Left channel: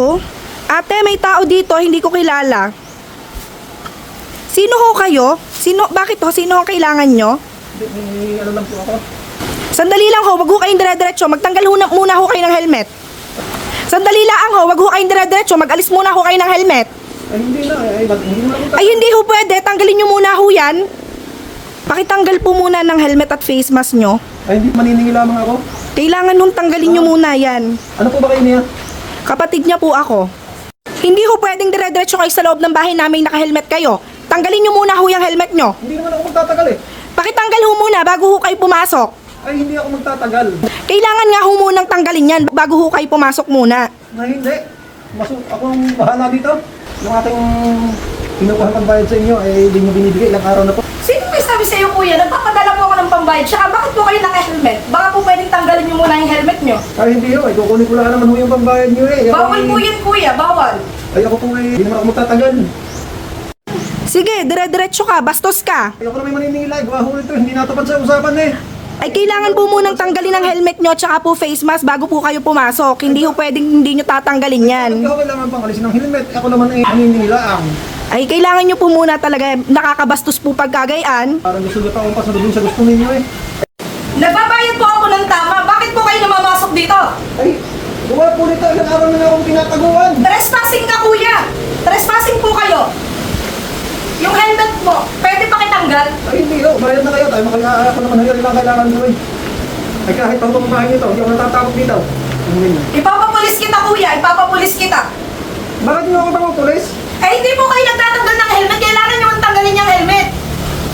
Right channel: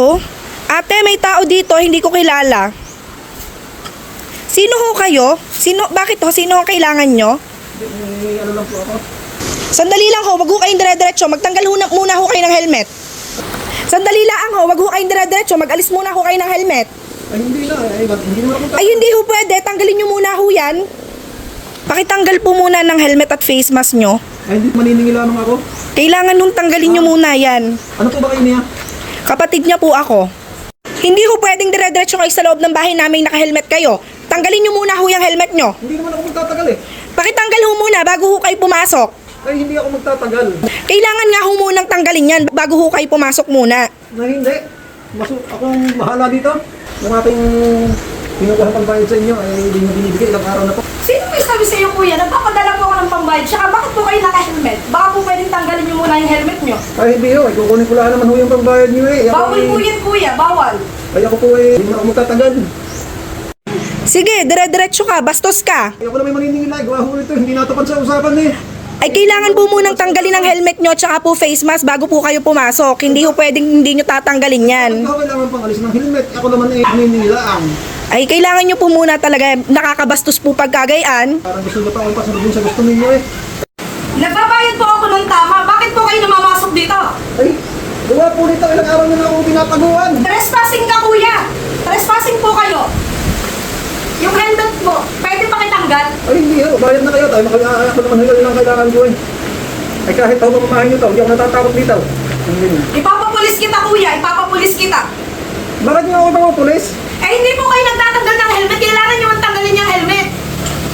Hello? Ate, may tao dito, hindi ko kilala. Sino ho kayo? Bakit ho? Sino ang kailangan nyo? Ano lang po ako? Sandali lang ho, wag ho kayong dire-diretso. Magtanggal ho muna ho kayo ng helmet. Sandali lang ho, wag ho kayong dire-diretso. Mag-alis muna ho kayo ng helmet. Ay hindi na, hindi naman ako Ay, hindi ho pwede. Tanggalin nyo muna ho yan. Pakitanggal po muna ng helmet at face mask nyo. Ay hindi, maniningil lamang ako. Kailangan nung tanggalin nyo muna yan. Ano po ba kayo niya? Kapatid niya po ako. Hindi ho pwedeng dire-diretso kayo sa loob ng bahay namin naka-helmet kayo. Tanggalin nyo muna ho yung helmet nyo. Hindi naman ako magtatagal eh. Pakitanggal ho muna bago ho kayo pumasok. Ay hindi ako magtatagal. Kailangan nga ho munang tanggalin yan bago ho kayo pumasok muna. Na hindi. Akong bahala dito. Yung aking pinukuha pang bayad sa inyo ay hindi nyo binibigay ilang araw na po. Sino may sabi sa iyo, kuya? Nagpapadala po ako ng pambayad. Tsaka bakit po kayo naka-helmet? Baka po pwedeng tanggalin niyo muna yung helmet niyo. Ay hindi ho, ay kukunin ko lang naman ho yung pambayad nyo eh. Bawal po yan, kuya. Bawal. Ay ako po hindi na ako magtatagal. Sige, dire-diretso ka, bastos ka. Ay ako na may maniningil ay gawa ho ito. Hindi natupad sa usapan eh. Ay kailangan po munang tanggalin ang helmet nyo tsaka po face mask bago po kayo pumasok. Hindi ho pwedeng hindi nyo tatanggalin yan. Hindi ako kailangan pang alisin ng helmet. Ako naman ay naninilaang. Ay kailangan nyo po muna talaga, nakakabastos po pagkagayaan. Parang gusto niyo pa akong pasunodin sa gusto ninyo eh. Nagbabayad po ako ng tama. Bakit po kayo namamasok dito? Ay, gawa po nito ilang araw na nga akong tinataguan. Trespassing ka, kuya. Trespassing po kayo. Yung helmet mo, pwede pa kitanggal? Ay hindi ho, bayad na kayo. Tayo ako naman hanggang ilang kailangan nyo eh. Ay kahit tawag kumahan nyo to, hindi ako natatakot dito. Hindi na. Ipapapulis kita, kuya. Ipapapulis kita. Bakit nyo ako itong pulis? Eh, hindi po kayo nagtatanggal ng helmet. Kailangan nyo ang tanggalin yung helmet.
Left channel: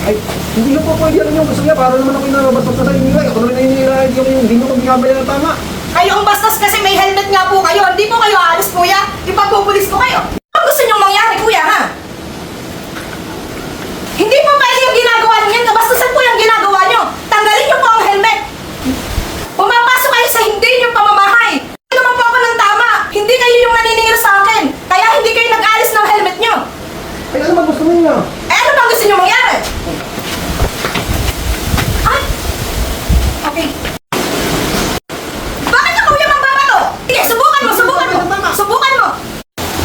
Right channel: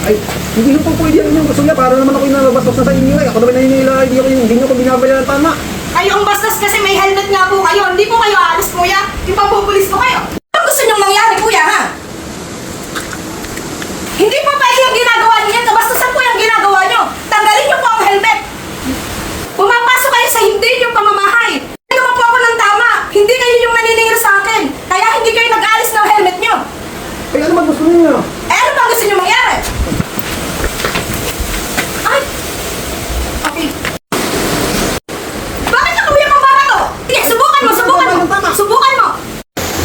Ay, hindi ko po pwede yan yung gusto niya. Para naman ako inalabastos na sa inyo eh. Ako naman naninila, hindi nyo ko binabayaran tama. Kayo ang bastos kasi may helmet nga po kayo. Hindi po kayo aalis, kuya. Ipapupulis ko kayo. Ano gusto nyong mangyari, kuya, ha? Hindi po pwede yung ginagawa niyo. Nabastusan po yung ginagawa niyo. Tanggalin niyo po ang helmet. Pumapasok kayo sa hindi niyo pamamahay. Ano naman po ako ng tama. Hindi kayo yung naniningil sa akin. Kaya hindi kayo nag-alis ng helmet niyo. Ay, ano ba gusto ninyo? Eh, ano bang gusto niyo mangyari? Ay! Okay. Bakit ka, kuya, mambabato? Sige, subukan mo, subukan mo. Subukan mo.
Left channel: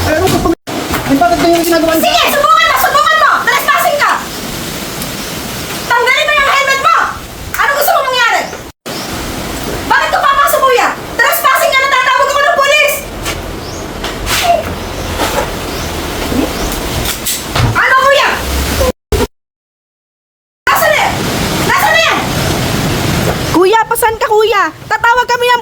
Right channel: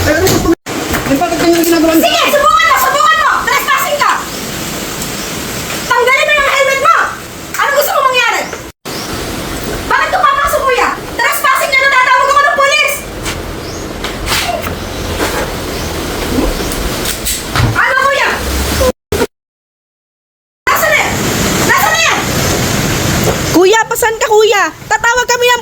Ay, ano gusto ninyo? Ay, bakit kayo ginagawa niyo? Sige, subukan mo, subukan mo. Trespassing ka. Tanggalin mo yung helmet mo. Ano gusto mo mangyari? Bakit ka papasok, kuya? Trespassing ka, natatawag ako ng polis. Ano, kuya? Nasaan na yan? Nasaan na yan? Kuya, pasan ka kuya? Tatawag kami ng